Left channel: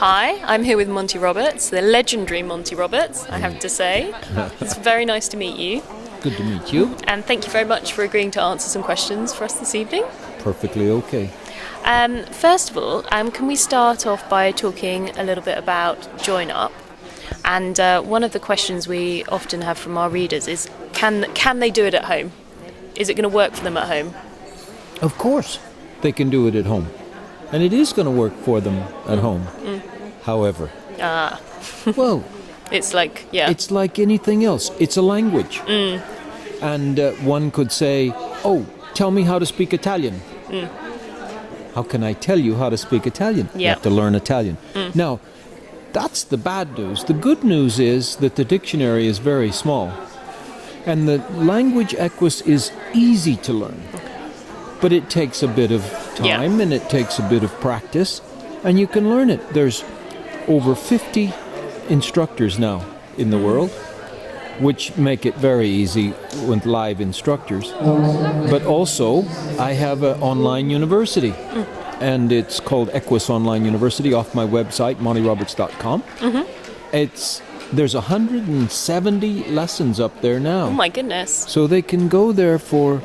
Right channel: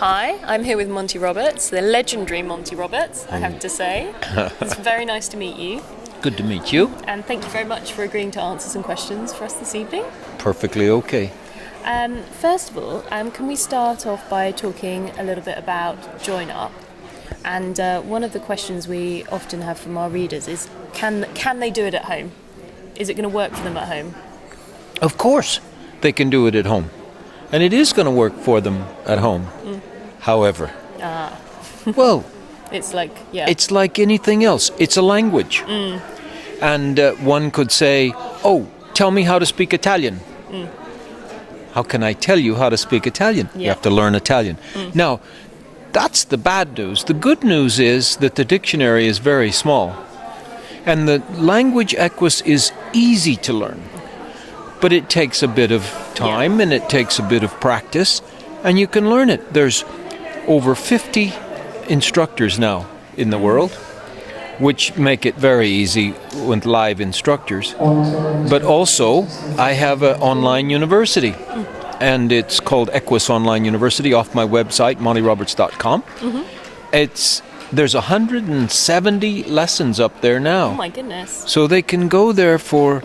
Hi, I'm here with Monty Roberts, the legendary Monty Roberts, I have to say. It's very nice to meet you. Good to meet you. And thank you very much for agreeing to answer some questions for us this evening. Perfectly okay. First of all, can we start off by talking a little bit about Join Up? And one of the questions we often have from our readers is, can they do it at home? Is it going to work for them at home? Of course, they can do it at home. And it is going to work for them at home. However, well, it's like, yeah. It's like anything else. It's a language. And one could say, oh, tell me how to speak Italian. How can I tell you how to speak Italian? You have to learn Italian. Now, that's the bad news. The good news is that the dictionary is very small. And the language equus is easy to learn. But it takes a bit of time and it takes a bit of practice, and you can learn it. There's over 50 instructors now in the world, which make it very easy with live instructors. But also, I have an online university, and it's called Equus Online University off my website, montyroberts.com. There's 170 lessons up there now. Oh my goodness. So they can go there for...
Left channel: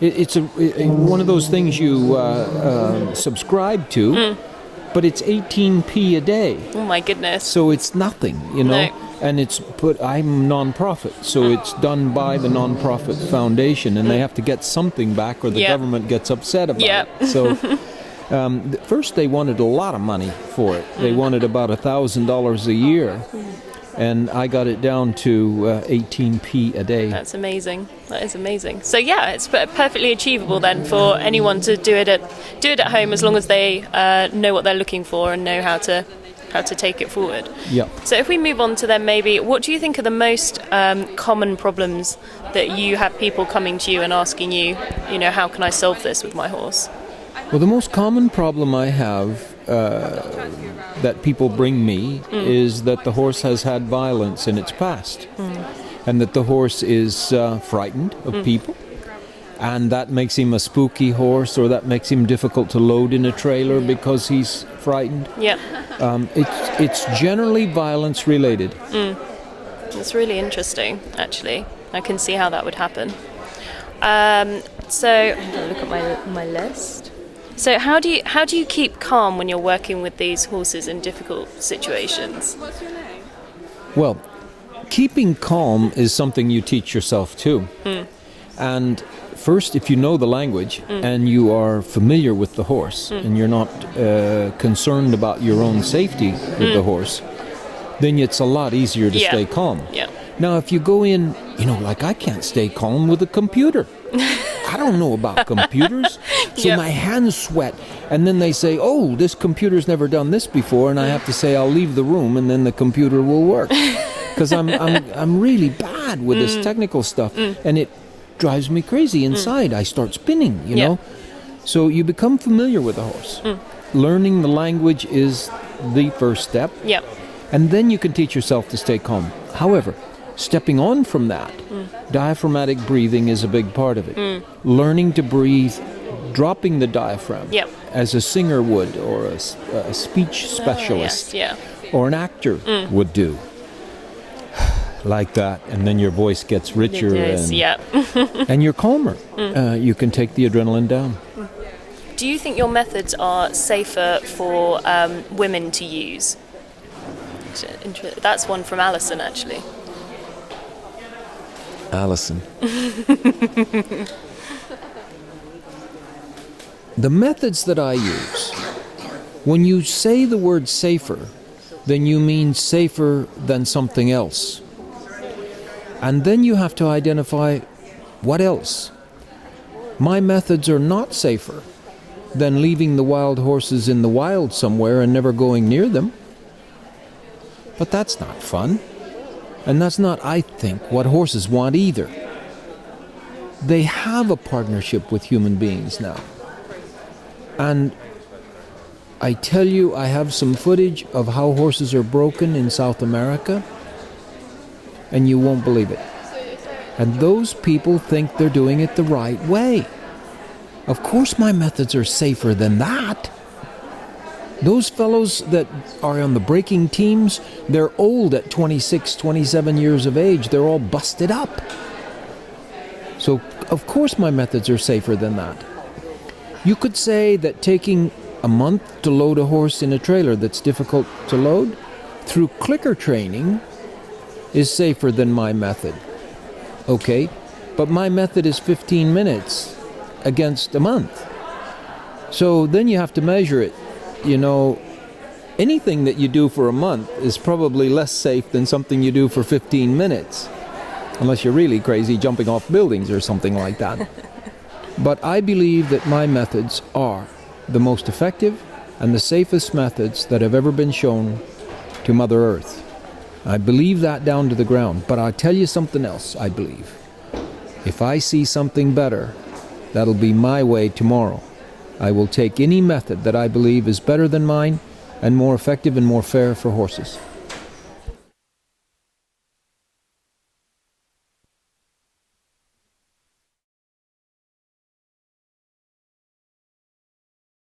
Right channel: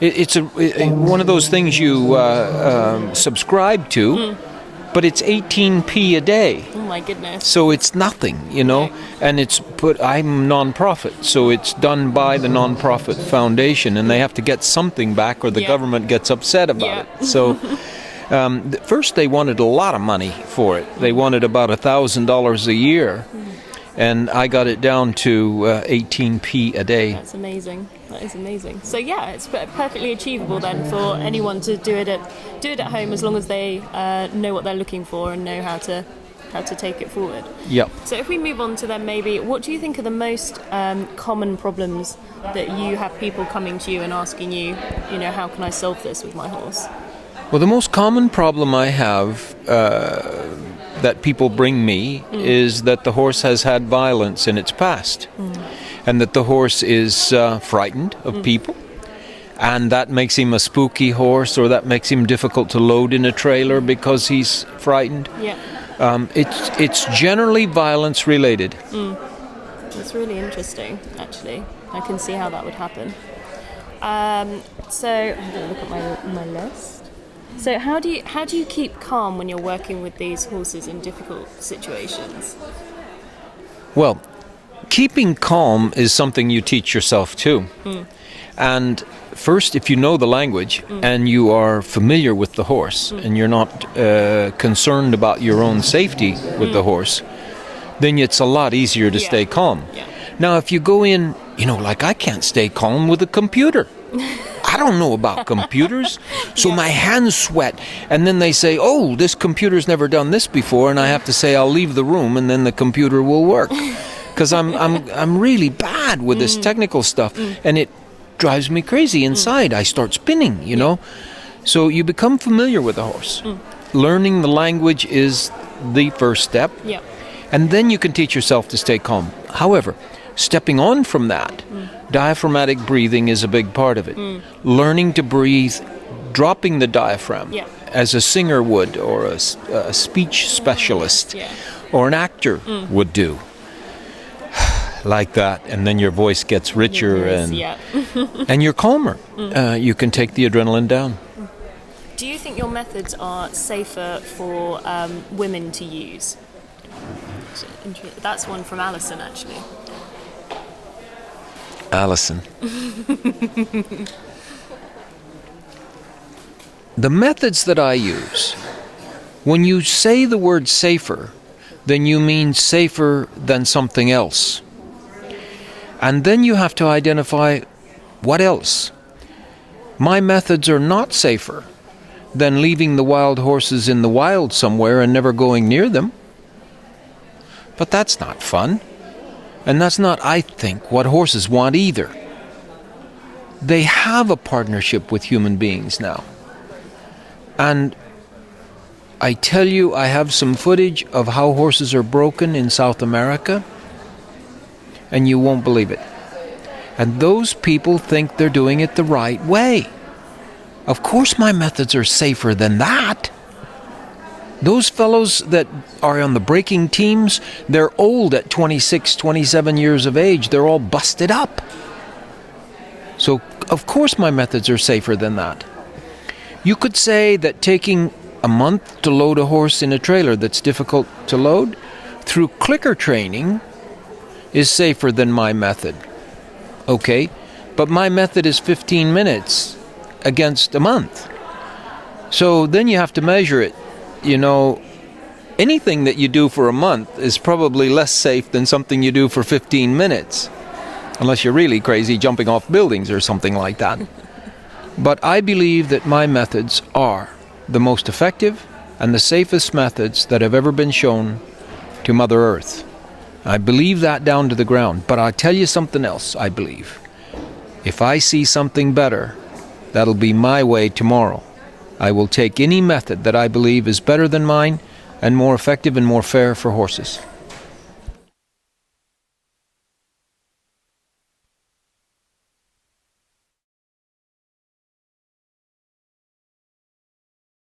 It's one of those things you subscribe to, but it's 18p a day. Oh my goodness. So it's nothing, you know. No. And I'm non-profit, so it's done by the non-profit foundation, and they have to get something back, or the government gets upset about it. So first they wanted a lot of money for it. They wanted about $1,000 a year. And I got it down to 18p a day. That's amazing. That is amazing. So yeah, it's perfectly achievable then for anyone to do it at home, as long as they know what they're looking for and know how to take it forward. Yeah. So if we move on to then maybe, what do you think are the most common problems that you have people coming to you and asking you, how can I solve this with my horse? Well, the most common problem I have that people bring me is that the horse has had violence in its past, and that the horse is frightened of people, and that makes him a spooky horse, or that makes him difficult to load in a trailer because he's frightened. Yeah. It's generally violence related. That's really interesting, actually. I can see how that would happen. So I'll look at my list. So how do you keep calm when you're working with these horses in difficult situations? Well, keeping calm is something you teach yourself too. And first, if you know the language and you are familiar with the horse and you're not concerned about your own safety with the horse, then it's a lot easier to stay calm. Yeah. Now, if you go in, like I can't stay calm with a computer. I don't know about computers, so my hands sweat, and then they say, oh, this computer's never done this before, and I have to say I'll leave the room, and then the computer will work, because I'm really bad with this technical stuff, and it drives me crazy inside. I start spinning, you know. So you become familiar with the horse. Learning the language is the first step, and then you can teach yourself to stay calm. However, stepping on from that, diaphragmatic breathing is a big part of it. Learning to breathe, dropping the diaphragm, as a singer would, or a speech specialist, or an actor would do. Like that, and then your voice gets richer, and you're calmer. You can take the adrenaline down. Do you think your methods are safer for women to use? That's one from Alison, actually. Alison. The methods that I use, when you say the word safer, then you mean safer than something else. And then you have to identify what else. My methods are not safer than leaving the wild horses in the wild somewhere and never going near them. But that's not fun. And that's not, I think, what horses want either. They have a partnership with human beings now. And I tell you, I have some footage of how horses are broken in South America, and you won't believe it. And those people think they're doing it the right way. Of course my methods are safer than that. Those fellows that are on the breaking teams, they're old at 26, 27 years of age. They're all busted up. So, of course my methods are safer than that. You could say that taking a month to load a horse in a trailer that's difficult to load through clicker training is safer than my method. Okay, but my method is 15 minutes against a month. So then you have to measure it. You know, anything that you do for a month is probably less safe than something you do for 15 minutes. Unless you're really crazy jumping off buildings or something like that. But I believe that my methods are the most effective and the safest methods that have ever been shown to Mother Earth. I believe that down to the ground. But I'll tell you something else I believe. If I see something better, that'll be my way tomorrow. I will take any method that I believe is better than mine and more effective and more fair for horses.